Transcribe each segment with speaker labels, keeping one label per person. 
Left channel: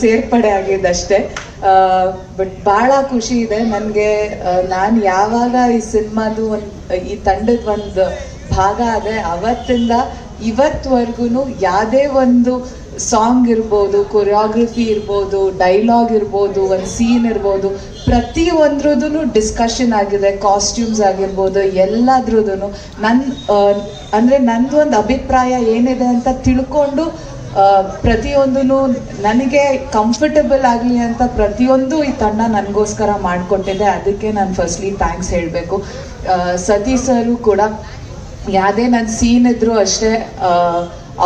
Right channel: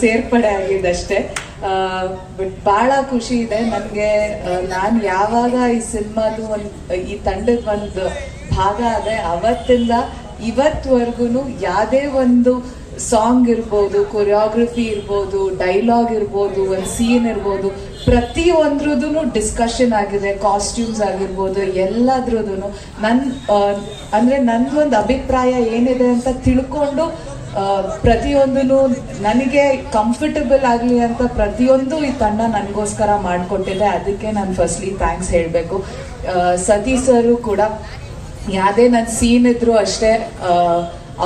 Speaker 1: ಸೇರ್ಪಡೆ ಆಗಿದ್ದಷ್ಟೇ. ಬಟ್ ಬಹಳ ಖುಷಿ ಇದೆ. ನನಗೆ ನಾನು ಯಾವಾಗ ಈ ಸಿನಿಮಾದು ಒಂದು, ಈ ತಂಡದ ಒಂದು ಭಾಗ ಆದೆ ಅವತ್ತಿಂದ ಇವತ್ವರೆಗೂ ಯಾವುದೇ ಒಂದು ಸಾಂಗ್ ಇರ್ಬೋದು ಕೊರಿಯೋಗ್ರಫಿ ಇರ್ಬೋದು ಡೈಲಾಗ್ ಇರ್ಬೋದು, ಒಂದು ಸೀನ್ ಇರ್ಬೋದು ಪ್ರತಿಯೊಂದ್ರದ್ದು ಡಿಸ್ಕಷನ್ ಆಗಿದೆ ಕಾಸ್ಟ್ಯೂಮ್ಸ್ ಆಗಿರ್ಬೋದು ಎಲ್ಲದ್ರದ್ದು ನನ್ನ ಅಂದರೆ ನಂದು ಒಂದು ಅಭಿಪ್ರಾಯ ಏನಿದೆ ಅಂತ ತಿಳ್ಕೊಂಡು ಪ್ರತಿಯೊಂದೂ ನನಗೆ ಕಂಫರ್ಟಬಲ್ ಆಗಲಿ ಅಂತ ಪ್ರತಿಯೊಂದು ಈ ತಂಡ ನನಗೋಸ್ಕರ ಮಾಡಿಕೊಟ್ಟಿದೆ. ಅದಕ್ಕೆ ನಾನು ಫಸ್ಟ್ಲಿ ಥ್ಯಾಂಕ್ಸ್ ಹೇಳಬೇಕು. ಸತಿ ಸರು ಕೂಡ ಯಾವುದೇ ನನ್ನ ಸೀನ್ ಇದ್ರು ಅಷ್ಟೇ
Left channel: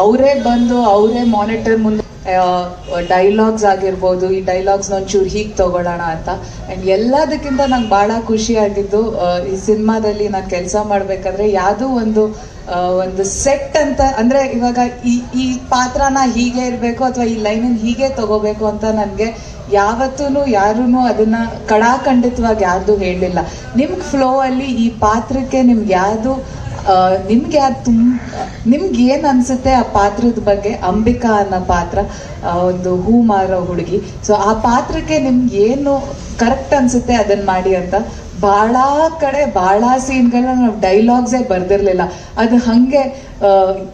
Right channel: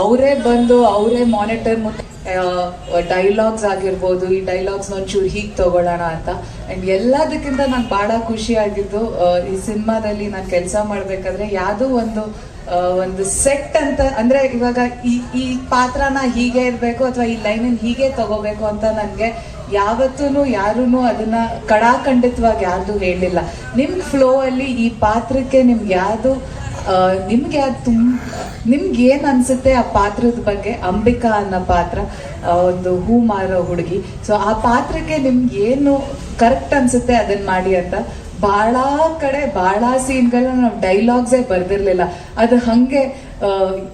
Speaker 1: ಅವರೇ ಬಂದು ಅವರೇ ಮಾನಿಟರ್ ಮುಂದೆ ಡೈಲಾಗ್ಸ್ ಆಗಿರ್ಬೋದು, ಈ ಡೈಲಾಗ್ಸ್ನ ಒಂಚೂರು ಹೀಗೆ ತಗೊಳ್ಳೋಣ ಅಂತ. ಆ್ಯಂಡ್ ಎಲ್ಲದಕ್ಕಿಂತ ನಂಗೆ ಭಾಳ ಖುಷಿ ಆಗಿದ್ದು ಈ ಸಿನಿಮಾದಲ್ಲಿ ನಾನು ಕೆಲಸ ಮಾಡಬೇಕಾದ್ರೆ ಯಾವುದೋ ಒಂದು ಒಂದು ಸೆಟ್ ಅಂತ, ಅಂದರೆ ಇವಾಗ ಈ ಈ ಪಾತ್ರನ ಹೀಗೆ ಇರಬೇಕು ಅಥವಾ ಈ ಲೈನನ್ನು ಹೀಗೆ ತಗೋಬೇಕು ಅಂತ ನನಗೆ ಯಾವತ್ತೂ ಯಾರೂ ಅದನ್ನ ಕಡಾಖಂಡಿತವಾಗಿ ಯಾರ್ದು ಹೇಳಿಲ್ಲ ನಿಮ್ಗೆ ಫ್ಲೋ ಅಲ್ಲಿ ಈ ಪಾತ್ರಕ್ಕೆ ನಿಮ್ಗೆ ಯಾವುದು ನಿಮ್ಗೆ ಅದು ತುಂಬ ನಿಮ್ಗೆ ಏನು ಅನ್ಸುತ್ತೆ ಆ ಪಾತ್ರದ ಬಗ್ಗೆ? ಅಂಬಿಕಾ ಅನ್ನೋ ಪಾತ್ರ ಒಂದು ಹೂ ಮಾರೋ ಹುಡುಗಿ. ಸೊ ಆ ಪಾತ್ರಕ್ಕೆ ನಿಮ್ಗೆ ಏನು ಕರೆಕ್ಟ್ ಅನ್ಸುತ್ತೆ ಅದನ್ನ ಮಾಡಿ ಅಂತ? ಬಹಳ ಕಡೆ ಬಹಳ ಸೀನ್ಗಳನ್ನ ನಾವು ಡೈಲಾಗ್ಸೇ ಬರ್ದಿರ್ಲಿಲ್ಲ. ಅದು ಹಂಗೆ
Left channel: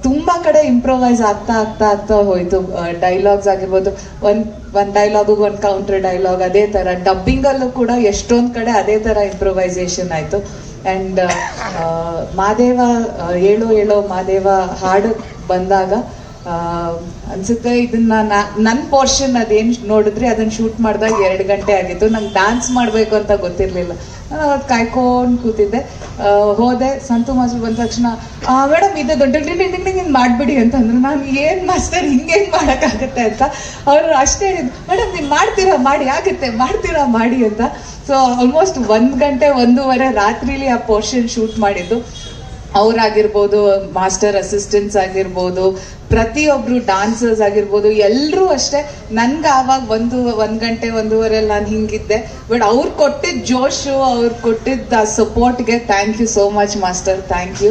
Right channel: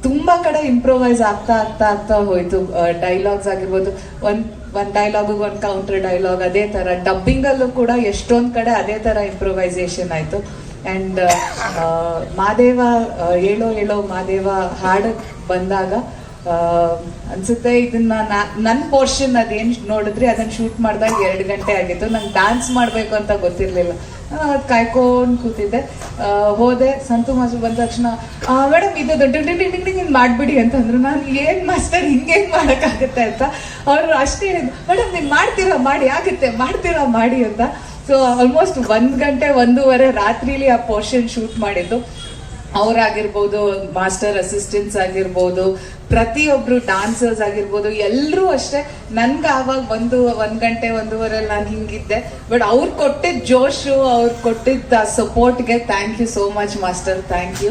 Speaker 1: ತುಂಬಾ ಕಡೆ ಇಂಪ್ರೊವೈಸ್ ಆಗ್ತಾ ಆಗ್ತಾ ಆಗ್ತಾ ಹೋಯ್ತು. ಡೈಲಾಗ್ಸ್ ಆಗಿರ್ಬೋದು, ಒಂದ್ ಒಂದ್ ಡೈಲಾಗ್ ಒಂದು ಕೌಂಟರ್ ಡೈಲಾಗ್ ಅದೇ ತರ. ಡಬ್ಬಿಂಗ್ ಅಲ್ಲೂ ಕೂಡ ಎಷ್ಟೊಂದ್ ಕಡೆ ಅದೇ ತರ ಇಂಪ್ರೊವೈಸೇಷನ್ ಆಯ್ತು. ಅಂಡ್ ಮಾದೇವ ಏಳೋ ಏಳೋ ಮಾದೇವ ಹಾಡು ಬಂದಾಗ ಅನ್ಸುತ್ತೆ, ಇದನ್ನ ನನ್ನ ಪೋರ್ಷನ್ ಅದೇನ್ ನೋಡಿದ್ರೆ ಅದನ್ನ ಶೂಟ್ ಮಾಡಿದಾಗ ಎರಡು ಗಂಟೆ ಆಗಿತ್ತು. ನಂಗೆ ಡ್ಯಾನ್ಸ್ ಮಾಡಬೇಕು ಅಂತ ಗೊತ್ತಿರಲಿಲ್ಲ. ನಾನು ಅವತ್ತು ಕಾಯ್ಕೊಂಡು ಕೂತಿದ್ದೆ. ಹೋದೆ. ಸಂತು ಮಾಸ್ಟರ್ ಬಂದ ತಕ್ಷಣ ಮೇಡಮ್, ಇದು ದೊಡ್ಡ ಡಿಂಗ್ ಮಾಡ್ಬಿಡಿ ಅಂತಂದ್ರು. ನಾನು, ಏನ್ ಮಾಸ್ಟರ್, ಹಿಂಗೇನು ಮಾಡೋಕ್ಕಾಗತ್ತೆ ಅಂತ? ಅವರು ಅಷ್ಟೇ ಮೇಡಮ್, ನೀವು ಮಾಡ್ತೀರಾ? ಮಾಡಿ, ಆಗುತ್ತೆ. ಮಾಡ್ತೀರಾ? ಮಾಡಿ ಅಂತ. ಸೊ ಆಲ್ಮೋಸ್ಟ್ ಒಂದ್ ಗಂಟೆ, ಒಂದೂವರೆ ರಾತ್ರಿಲಿ ಆ ಪೋರ್ಷನ್ ಶೂಟ್ ಮಾಡಿದ್ದು. ಅವರಾಗಿರ್ಬೋದು, ಮಾಸ್ಟರ್ ಅಸಿಸ್ಟೆಂಟ್ಸ್ ಆಗಿರ್ಬೋದು ಪ್ರತಿಯೊಬ್ರು ಡಾನ್ಸರ್ಸ್ ಆಗಿರ್ಬೋದು ಎಲ್ಲರೂ ಅಷ್ಟೇ. ನನ್ಗೆ ಆವಾಗ ಒಂದು ಒಂದು ಗಂಟೆ ಒಂದೂವರೆ ನಾನು ಹಿಂಗಿದ್ದೆ. ಬಟ್ ಅವ್ರು ಕೊಟ್ಟಿದ್ದ ಜೋಶು, ಅವ್ರು ಕೊಟ್ಟಿದ್ದ ಸಪೋರ್ಟ್ಗೆ thank you so much master thank you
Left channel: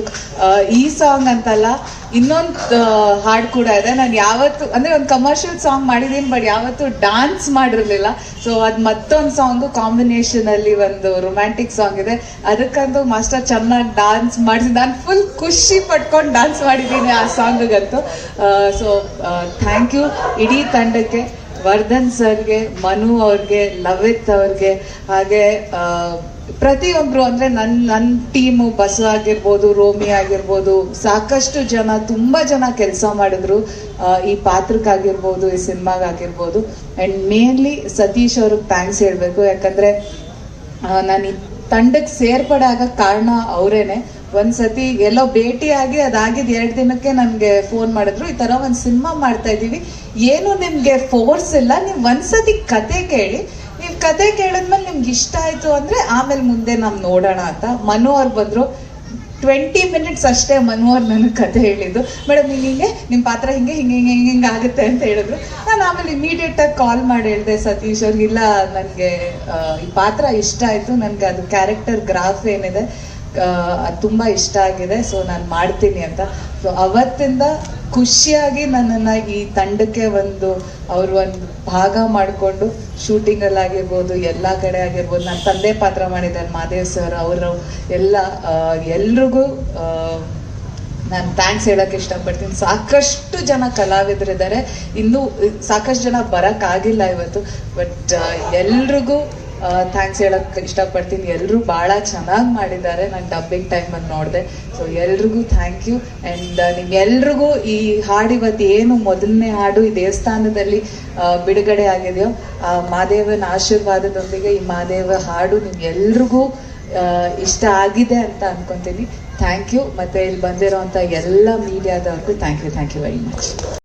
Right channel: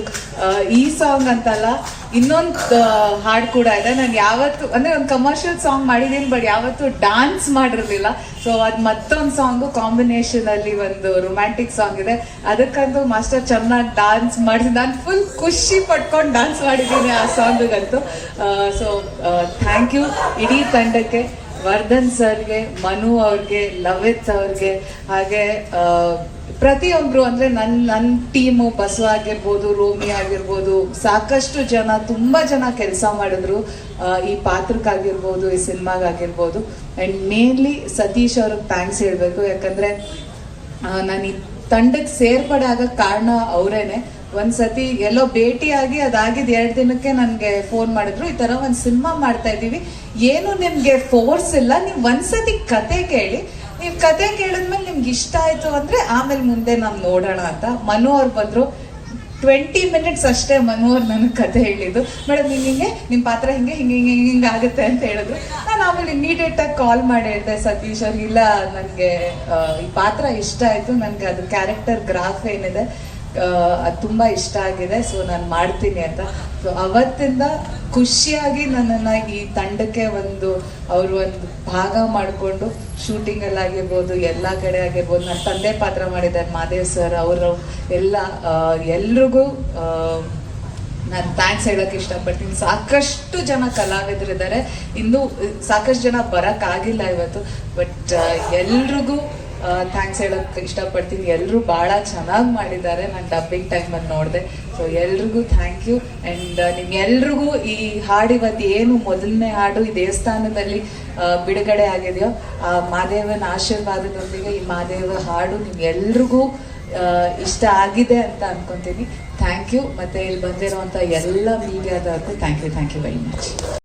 Speaker 1: ಈ ಸಾಂಗ್ ಅಂತಲ್ಲ, ಇನ್ನೊಂದು ಹಾಡು ಕೂಡ ಇದೆ. ನಾನು ಯಾವತ್ತು, ಅಂದ್ರೆ ಒಂದು ಕಮರ್ಷಿಯಲ್ ಸಾಂಗ್ ಮಾಡಿದ್ದೀನಿ ಬಟ್ ಯಾವತ್ತು ಡಾನ್ಸ್ ಮಾಡಿರಲಿಲ್ಲ. ಸೊ ಅದು ಮತ್ತೊಂದು ಸಾಂಗು ಕಾಂಬಿನೇಷನ್ ಅಲ್ಲಿ ಒಂದು ರೊಮ್ಯಾಂಟಿಕ್ ಸಾಂಗ್ ಇದೆ. ಅದಕ್ಕಂತೂ ಮಾಸ್ಟರ್ ಚೆನ್ನಾಗಿ ಡಾನ್ಸ್ ಮಾಡಿಸಿ, ನಾನು ಫುಲ್ ಖುಷಿ ಪಟ್ಕೊಂಡು ಡಾನ್ಸ್ ಮಾಡಿದ್ದೀನಿ ಆ ಸಾಂಗ್ಗಂತೂ ಸೊ ಥ್ಯಾಂಕ್ ಯು ಇಡೀ ತಂಡಕ್ಕೆ ವರ್ಧನ್ ಸರ್ಗೆ, ಮನು ಅವ್ರಿಗೆ, ಲವಿತ್ ಅವ್ರಿಗೆ, ಹಾಗೆ ಪ್ರತಿಯೊಬ್ಬರು ಅಂದ್ರೆ ನನ್ ನನ್ನ ಟೀಮು ಬಸವ ಆಗಿರ್ಬೋದು, ರೋಮಿ ಆಗಿರ್ಬೋದು, ಸಾಕಷ್ಟು ಜನ, ತುಂಬಾ ಜನ ಕೆಲಸ ಮಾಡಿದ್ರು. ಈ ಪಾತ್ರಕ್ಕಾಗಿರ್ಬೋದು ಈ ಸಿನಿಮಾಗಾಗಿರ್ಬೋದು ಅಂಡ್ ಮೇನ್ಲಿ ಸತೀಶ್ ಅವ್ರಿಗೆ ಥ್ಯಾಂಕ್ಸ್ ಹೇಳಬೇಕು. ಯಾಕಂದ್ರೆ ನಾನು ಈ ತಂಡಕ್ಕೆ ಸೇರ್ಪಡೆ ಆಗ ಕಾರಣ ಅವರೇನೆ. ಒಂದ್ಸತಿ ಎಲ್ಲೋ ಭೇಟಿಯಾಗಿ ಅದಾಗಿದ್ ಎರಡು ದಿನಕ್ಕೆ ನನಗೆ ಫೋನ್ ಮಾಡಿದ್ರು. ಈ ತರ ಒಂದು ಸಿನಿಮಾ ಮಾಡ್ತಾ ಇದೀವಿ ಏನು ನಿಮ್ಗೆ ಫೋರ್ಸ್ ಇಲ್ಲ. ನೀವ್ ಒಂದ್ಸತಿ ಕತೆ ಕೇಳಿ. ನೀವು ಕತೆ ಕೇಳಿದ್ಮೇಲೆ ನಿಮ್ಗೆ ಇಷ್ಟ ಆಯ್ತು ಅಂದ್ರೆ ಆಮೇಲೆ ಮುಂದೆ ನಾವು ನೋಡೋಣ ಅಂತ. ಮನು ಅವ್ರು ಬಂದ್ರು. ಟ್ವೆಂಟಿ ಮಿನಿಟ್ಸ್ ಅಷ್ಟೇ ಮನು ಅವ್ರು ನನಗೆ ಕತೆ ಹೇಳಿದ್ದು. ಮೇಡಮ್ ಹಿಂಗೆ ಹಿಂಗೆ ನಿಮ್ಮ ಪಾತ್ರ ಹಿಂಗೆ ಹಿಂಗೆ ಹಿಂಗೆ ಹಿಂಗೆ ಹಿಂಗೆ ಆಗುತ್ತೆ ಅಂತ ಹೇಳಿದ್ರು. ನಾನು ಆಮೇಲೆ ಇಮಿಡಿಯೇಟ್ ಆಗಿ ಕಾಲ್ ಮಾಡಿ ಹೇಳಿದೆ ಸತೀಶ್ ಅವ್ರಿಗೆ ಇಲ್ಲ ನನಗೆ ಈ ಪಾತ್ರ ಇಷ್ಟ ಆಯ್ತು. ನನಗೆ ಅದು ಕ್ಯಾರೆಕ್ಟರ್ ಗ್ರಾಫ್ ಏನಿದೆ. ತುಂಬಾ ಇಷ್ಟ ಆಗಿದೆ. ಸೊ ನಾನು ಮಾಡ್ತೀನಿ ಅಂತ. ಸೊ ಅವತ್ತಿಂದ ಖುಷಿಯಾಗಿ ನನ್ನನ್ನ ಈ ತಂಡಕ್ಕೆ ಒಂದು, ಅವರು ಒಂದು ಭಾಗ ಮಾಡಿಕೊಂಡು ಶೂಟಿಂಗ್ ಅಲ್ಲಿ ಆಗಿರ್ಬೋದು, ಎಲ್ಲ ಕಡೆ ಆಗಿರ್ಬೋದು ನನ್ನ ತಂದೆ ಪಾತ್ರ ಮಾಡಿದ್ದಾರೆ. ಮಾದೇವ್ ಸರ್ ಅವರು, ಎಲ್ಲ ಎಲ್ರಿಗೂ ನಾನು ಥ್ಯಾಂಕ್ಸ್ ಹೇಳಕ್ ಇಷ್ಟಪಡ್ತೀನಿ. ಸಾಕಷ್ಟು ಜನ ಕಲಾವಿದರಿದ್ದಾರೆ ಇನ್ನು, ಸಾಕಷ್ಟು ಜನ ಬರಕ್ ಆಗಿಲ್ಲ ಇವತ್ತು. ಬಟ್ ಎಲ್ರಿಗೂ ಥ್ಯಾಂಕ್ಸ್ ಹೇಳಕ್ ಇಷ್ಟಪಡ್ತೀನಿ. ಎಲ್ಲರೂ ಬಹಳ ಚೆನ್ನಾಗಿ ಮಾಡಿದ್ದಾರೆ. ನಾನು ಡಬ್ಬಿಂಗ್ ಟೈಮಲ್ಲಿ ನೋಡಿದೆ. ಸೊ ಎಲ್ರಿಗೂ ಥ್ಯಾಂಕ್ ಯು ಆ್ಯಂಡ್ ನಿಮ್ಗೆಲ್ರಿಗೂ ಈ ಹಾಡು ಇವತ್ತು ಏನು ಮೊದಲನೇ ಹಾಡು ಈ ದೇವಸ್ಥಾನದಲ್ಲಿ ಬಿಡುಗಡೆ ಆಗಿದೆಯೋ, ಆ, ಮಾದೇವನ ಆಶೀರ್ವಾದದೊಂದಿಗೆ ಈ ಮಾದೇವ ಹಾಡು ನಿಮ್ಗೆಲ್ರಿಗೂ ಇಷ್ಟ ಆಗಿದೆ ಅಂತ ಅನ್ಕೊಂತೀನಿ. ಥ್ಯಾಂಕ್ ಯು ಮತ್ತೆ ಇಲ್ಲಿ ಬಂದಿರೋವಂಥ ಎಲ್ಲ ಮೀಡಿಯಾದವ್ರಿಗೂ thank you thank you very much